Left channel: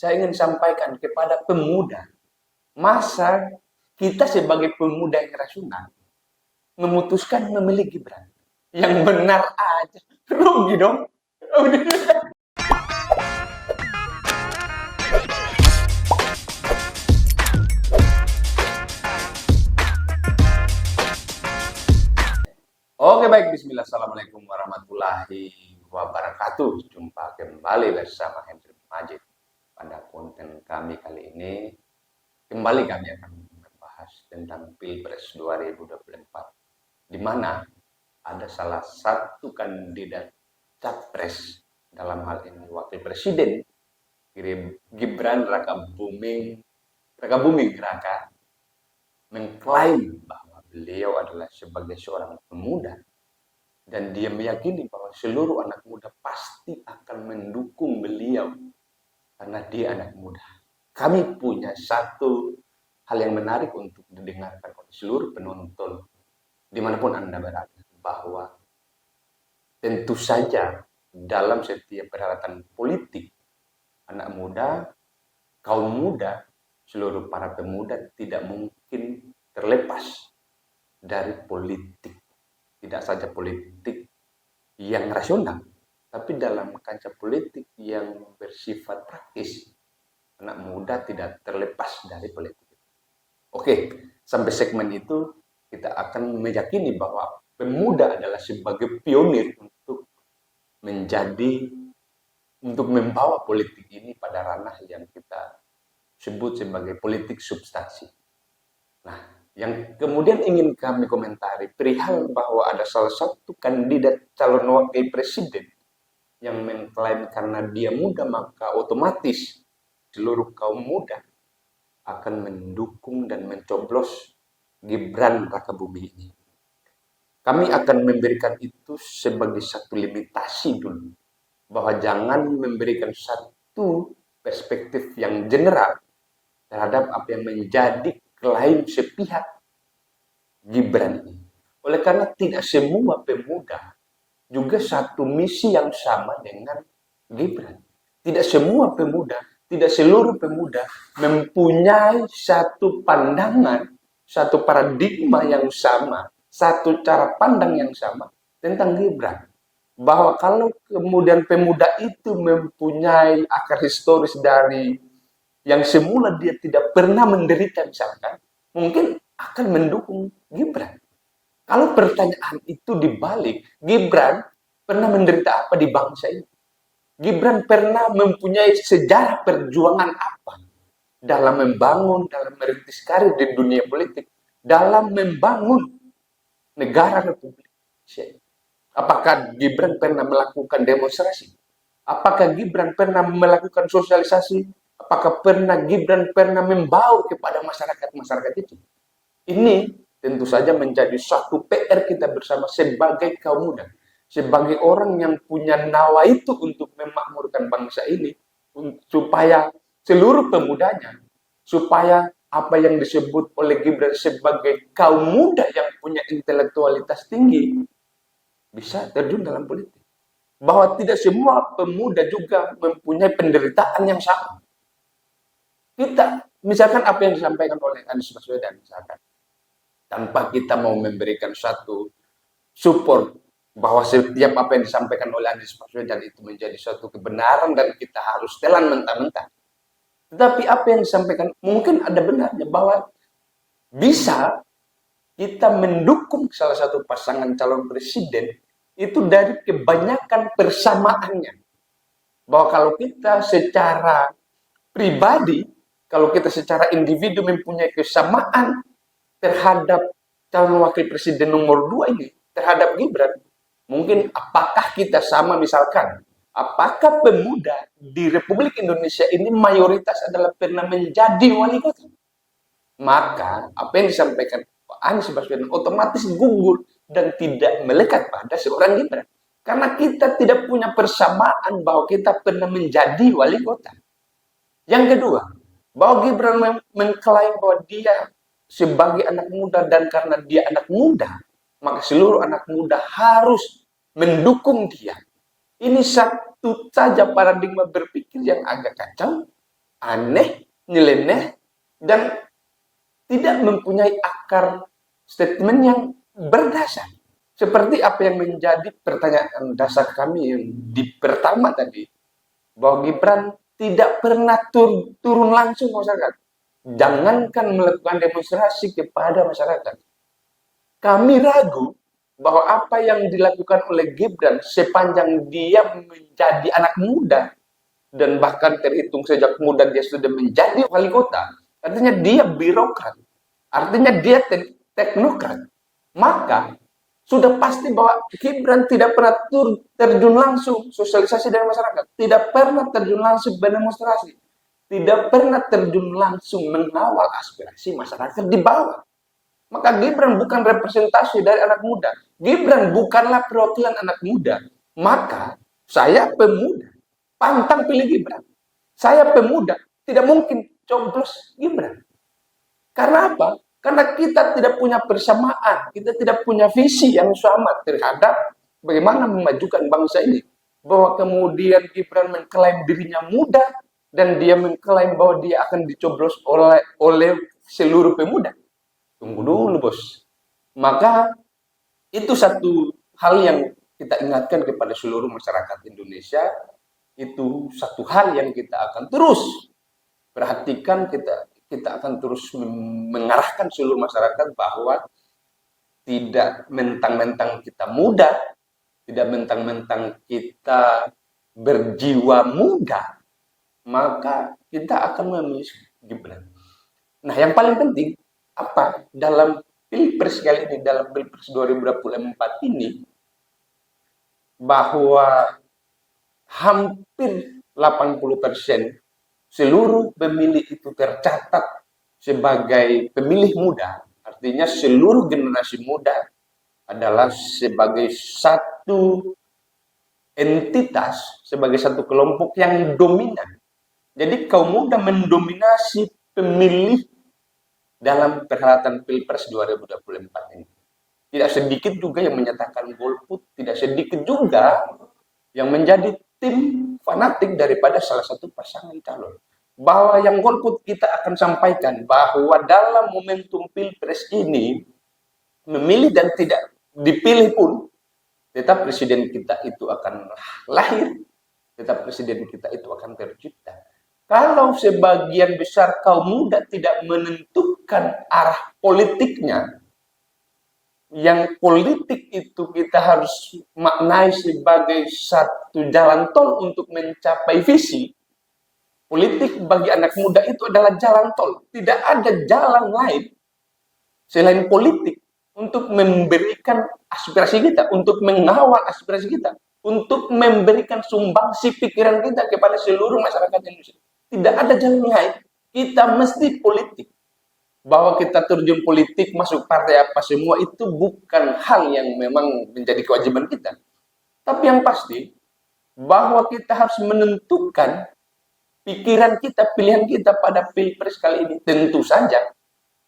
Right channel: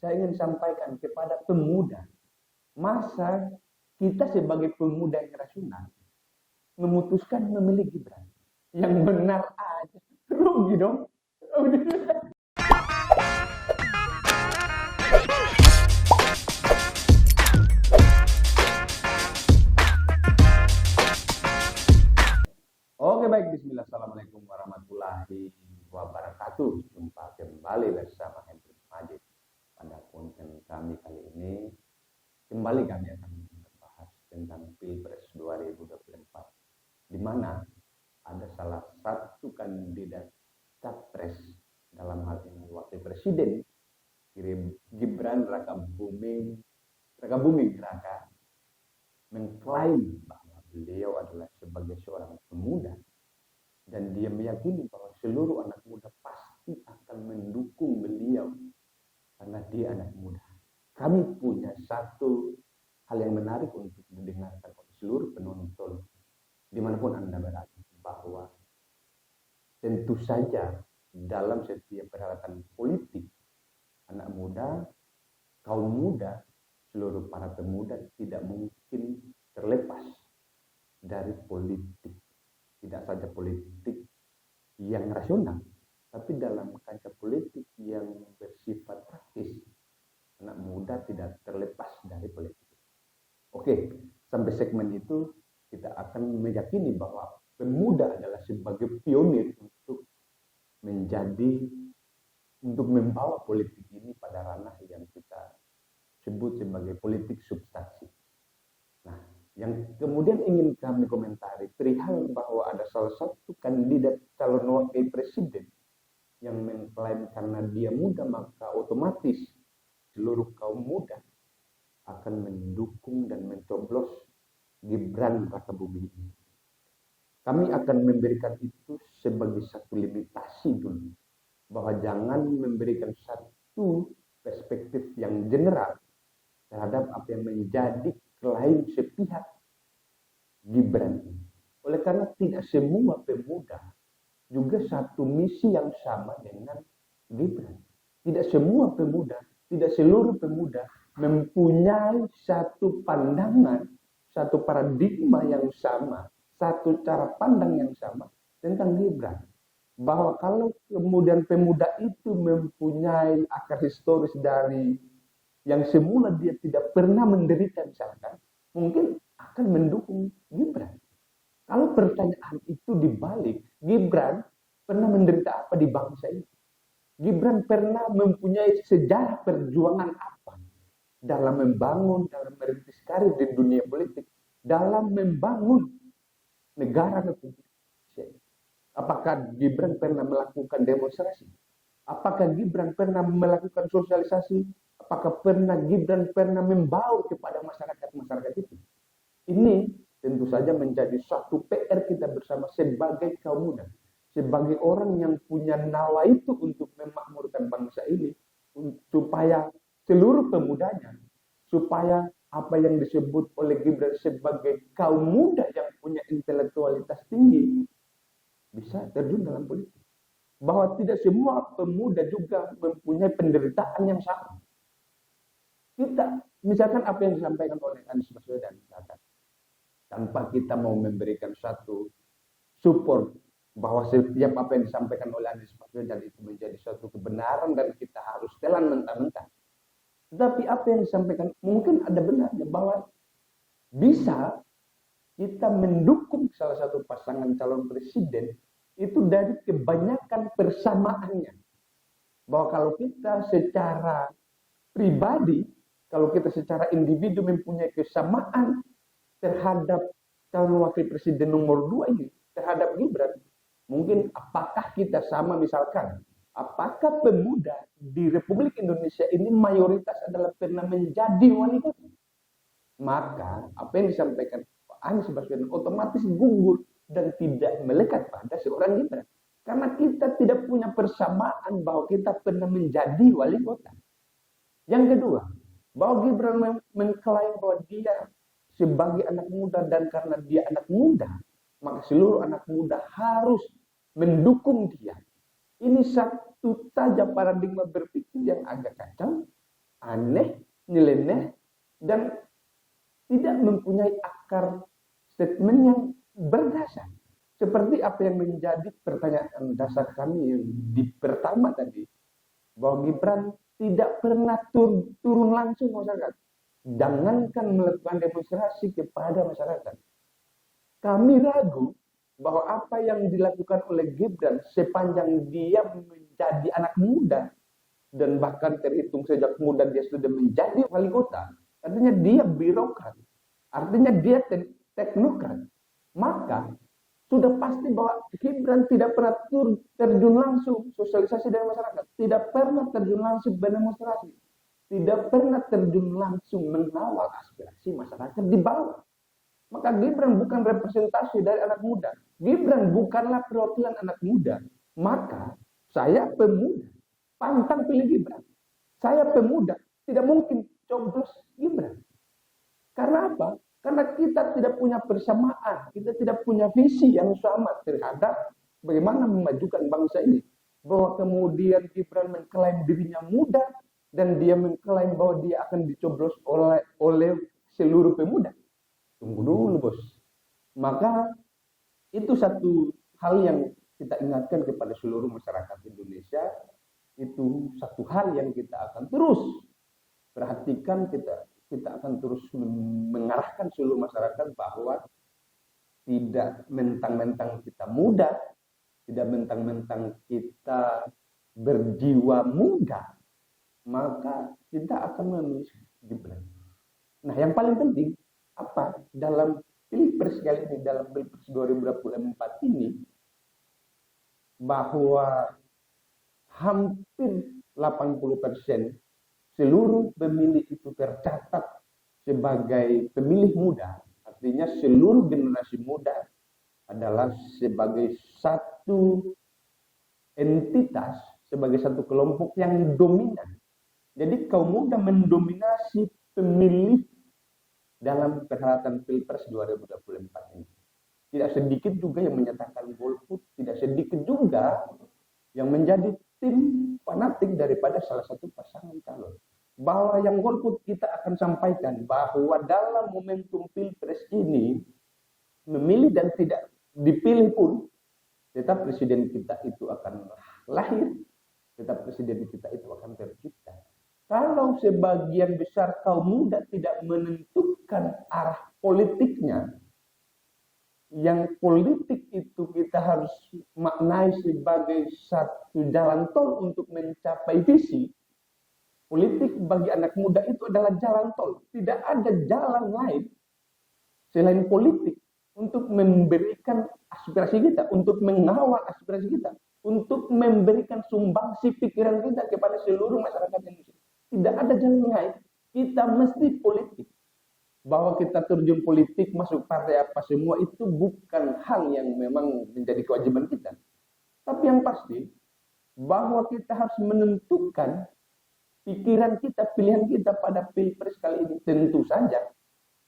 saya ingin sampaikan kepada pemuda, masa kita sebagai pemuda yang rasional memutuskan memilih Gibran. Yang benar aja, rugi dong. Oke baik, bismillah, assalamualaikum warahmatullahi wabarakatuh. Jumpa kembali bersama Hendrik Majid. Pada konten kami kali ini, kembali kami akan membahas tentang Pilpres 2024, di mana ada salah satu kandidat capres, dalam hal ini wakil presiden, Gibran Rakabuming Raka, mengklaim bahwa beliau adalah sebagai seorang pemuda dan dia meyakini bahwa seluruh anak muda pasti akan mendukung beliau karena dia anak muda. Kami punya satu hal yang menarik untuk didengarkan oleh seluruh penonton dimanapun Anda berada, bahwa tentu saja dalam setiap perhelatan politik, anak muda, kaum muda, seluruh para pemuda tidak mungkin terlepas dari politik. Tidak saja politik yang rasional, tapi dalam kancah politik yang bersifat praktis, anak muda tidak terlepas dari politik. Oke, sampai segmen itu kita akan meyakini bahwa pemuda adalah sebagai pionir untuk membawa politik ini pada ranah yang kita sebut sebagai politik substansi. Nah, yang kemudian ingin kami komentari perihal bahwa ada salah satu kandidat calon wakil presiden yang mengklaim karena dia muda maka otomatis seluruh kaum muda akan mendukung dan mencoblos Gibran Rakabuming ini. Kami akan memberikan itu sebagai satu limitasi dulu, bahwa jangan memberikan satu perspektif yang general terhadap apa yang menjadi klaim sepihak Gibran ini. Oleh karena tidak semua pemuda juga satu misi yang sama dengan Gibran. Tidak semua pemuda, tidak seluruh pemuda mempunyai satu pandangan, satu paradigma yang sama, satu cara pandang yang sama tentang Gibran. Bahwa kalau kemudian pemuda itu mempunyai akar historis dari yang semula dia tidak pernah menderita misalkan, mungkin akan mendukung Gibran. Kalau pertanyaan itu dibalik, Gibran pernah menderita apa di bangsa ini? Gibran pernah mempunyai sejarah perjuangan apa dalam membangun, dalam merintis karir di dunia politik, dalam membangun negara Republik Indonesia. Apakah Gibran pernah melakukan demonstrasi? Apakah Gibran pernah melakukan sosialisasi? Apakah Gibran pernah membaur kepada masyarakat itu? Ini tentu saja menjadi suatu PR kita bersama sebagai kaum muda, sebagai orang yang punya nawa itu untuk memakmurkan bangsa ini, supaya seluruh pemudanya, supaya apa yang disebut oleh Gibran sebagai kaum muda yang punya intelektualitas tinggi bisa terjun dalam politik. Bahwa tidak semua pemuda juga mempunyai penderitaan yang sama. Kita, misalkan apa yang disampaikan oleh Anies Baswedan, misalkan, tanpa kita mau memberikan satu support bahwa setiap apa yang disampaikan oleh Anies Baswedan itu menjadi suatu kebenaran dan kita harus telan mentah-mentah. Tetapi apa yang disampaikan mungkin ada benarnya, bahwa bisa kita mendukung salah satu pasangan calon presiden itu dari kebanyakan persamaannya. Bahwa kalau kita secara pribadi, kalau kita secara individu mempunyai kesamaan terhadap calon wakil presiden nomor 2 ini, terhadap Gibran, mungkin apakah kita sama misalkan, apakah pemuda di Republik Indonesia ini mayoritas adalah pernah menjadi wali kota? Maka apa yang disampaikan Pak Anies Baswedan otomatis gugur dan tidak melekat pada seorang Gibran. Karena kita tidak punya persamaan bahwa kita pernah menjadi wali kota. Yang kedua, bahwa Gibran mengklaim bahwa dia sebagai anak muda dan karena dia anak muda, maka seluruh anak muda harus mendukung dia. Ini satu saja paradigma berpikir yang agak kacau, aneh, nyeleneh, dan tidak mempunyai akar statement yang berdasar. Seperti apa yang menjadi pertanyaan dasar kami yang di pertama tadi, bahwa Gibran tidak pernah turun langsung masyarakat. Jangankan melakukan demonstrasi kepada masyarakat. Kami ragu bahwa apa yang dilakukan oleh Gibran sepanjang dia menjadi anak muda dan bahkan terhitung sejak muda dia sudah menjadi wali kota, artinya dia birokrat, artinya dia teknokrat, maka sudah pasti bahwa Gibran tidak pernah terjun langsung sosialisasi dengan masyarakat, tidak pernah terjun langsung berdemonstrasi, tidak pernah terjun langsung mengawal aspirasi masyarakat di bawah. Maka Gibran bukan representasi dari anak muda. Gibran bukanlah perwakilan anak muda. Maka saya pemuda, pantang pilih Gibran. Saya pemuda, tidak mungkin coblos Gibran. Karena apa? Karena kita tidak punya persamaan, kita tidak punya visi yang sama terhadap bagaimana memajukan bangsa ini. Bahwa kemudian Gibran mengklaim dirinya muda dan dia mengklaim bahwa dia akan dicoblos oleh seluruh pemuda. Tunggu dulu, bos. Maka itu satu hal yang kita ingatkan kepada seluruh masyarakat Indonesia. Itu satu hal yang kita akan terus perhatikan, kita akan terus mengarahkan seluruh masyarakat bahwa tidak mentang-mentang kita muda, tidak mentang-mentang kita berjiwa muda, maka kita akan memilih Gibran. Nah, yang paling penting apa dalam Pilpres kali ini, dalam Pilpres 2024 ini, bahwa hampir 80% seluruh pemilih itu tercatat sebagai pemilih muda. Artinya seluruh generasi muda adalah sebagai satu entitas, sebagai satu kelompok yang dominan. Jadi kaum muda mendominasi pemilih dalam perhelatan Pilpres 2024 ini. Tidak sedikit juga yang menyatakan golput, tidak sedikit juga yang menjadi tim fanatik daripada salah satu pasangan calon. Bahwa yang golput kita akan sampaikan bahwa dalam momentum Pilpres ini, memilih dan tidak dipilih pun, tetap presiden kita itu akan lahir, tetap presiden kita itu akan tercipta. Kalau sebagian besar kaum muda tidak menentukan arah politiknya, yang politik itu kita harus maknai sebagai satu jalan tol untuk mencapai visi. Politik bagi anak muda itu adalah jalan tol. Tidak ada jalan lain selain politik untuk memberikan aspirasi kita, untuk mengawal aspirasi kita, untuk memberikan sumbangsi pikiran kita kepada seluruh masyarakat Indonesia. Tidak ada jalan lain. Kita mesti politik. Bahwa kita terjun politik, masuk partai apa semua, itu bukan hal yang memang menjadi kewajiban kita. Tapi yang pasti, bahwa kita harus menentukan pikiran kita, pilihan kita pada Pilpres kali ini. Tentu saja,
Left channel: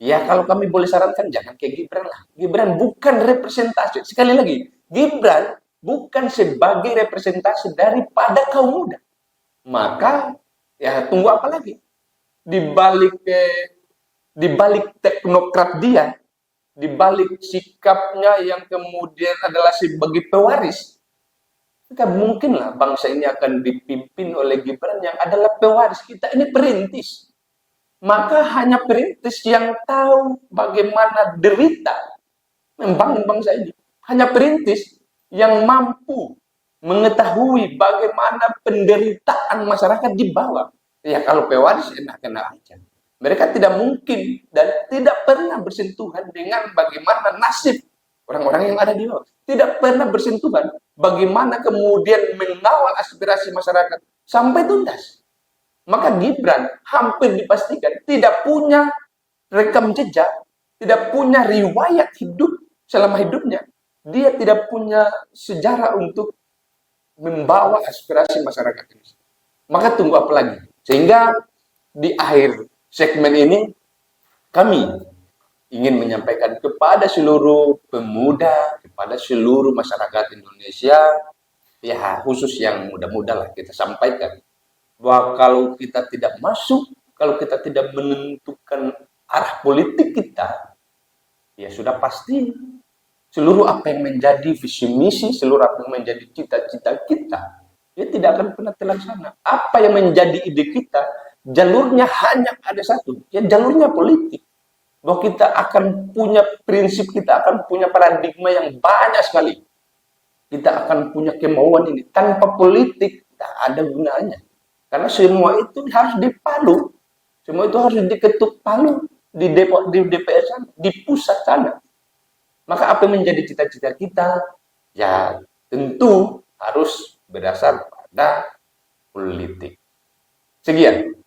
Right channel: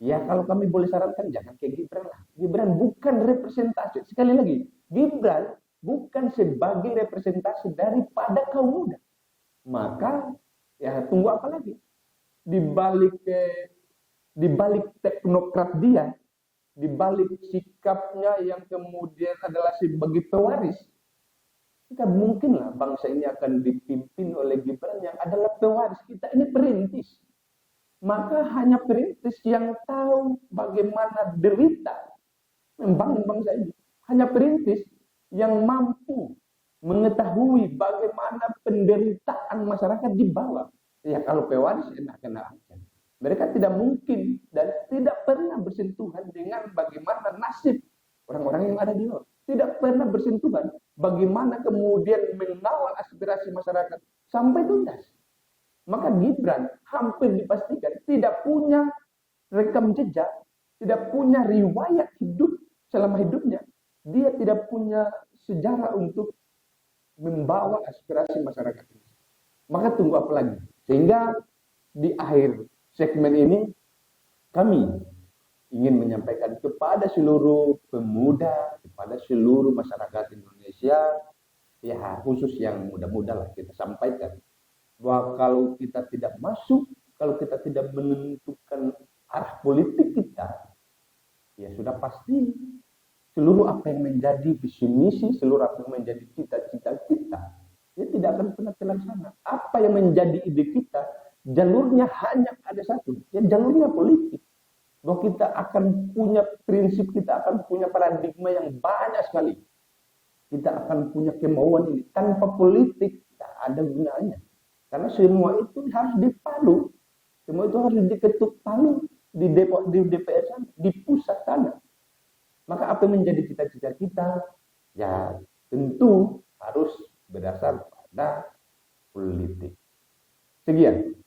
ya kalau kami boleh sarankan, jangan kayak Gibran lah. Gibran bukan representasi. Sekali lagi, Gibran bukan sebagai representasi daripada kaum muda. Maka, ya tunggu apa lagi? Di balik teknokrat dia, di balik sikapnya yang kemudian adalah sebagai pewaris, maka mungkinlah bangsa ini akan dipimpin oleh Gibran yang adalah pewaris. Kita ini perintis. Maka hanya perintis yang tahu bagaimana derita membangun bangsa ini. Hanya perintis yang mampu mengetahui bagaimana penderitaan masyarakat di bawah. Ya kalau pewaris enak-enak aja. Mereka tidak mungkin dan tidak pernah bersentuhan dengan bagaimana nasib orang-orang yang ada di bawah. Tidak pernah bersentuhan bagaimana kemudian mengawal aspirasi masyarakat sampai tuntas. Maka Gibran hampir dipastikan tidak punya rekam jejak, tidak punya riwayat hidup selama hidupnya. Dia tidak punya sejarah untuk membawa aspirasi masyarakat ini. Maka tunggu apa lagi? Sehingga di akhir segmen ini kami ingin menyampaikan kepada seluruh pemuda, kepada seluruh masyarakat Indonesia, ya khusus yang muda-muda lah kita sampaikan bahwa kalau kita tidak masuk, kalau kita tidak menentukan arah politik kita, ya sudah pasti seluruh apa yang menjadi visi misi, seluruh apa yang menjadi cita-cita kita, ya tidak akan pernah terlaksana. Apa yang menjadi ide kita, jalurnya hanya ada satu, ya jalurnya politik. Bahwa kita akan punya prinsip, kita akan punya paradigma yang banyak sekali. Kita akan punya kemauan ini. Tanpa politik, tak ada gunanya. Karena semua itu harus dipalu. Semua itu harus diketuk palu di DPR sana, di pusat sana. Maka apa yang menjadi cita-cita kita? Ya tentu harus berdasar pada politik. Sekian.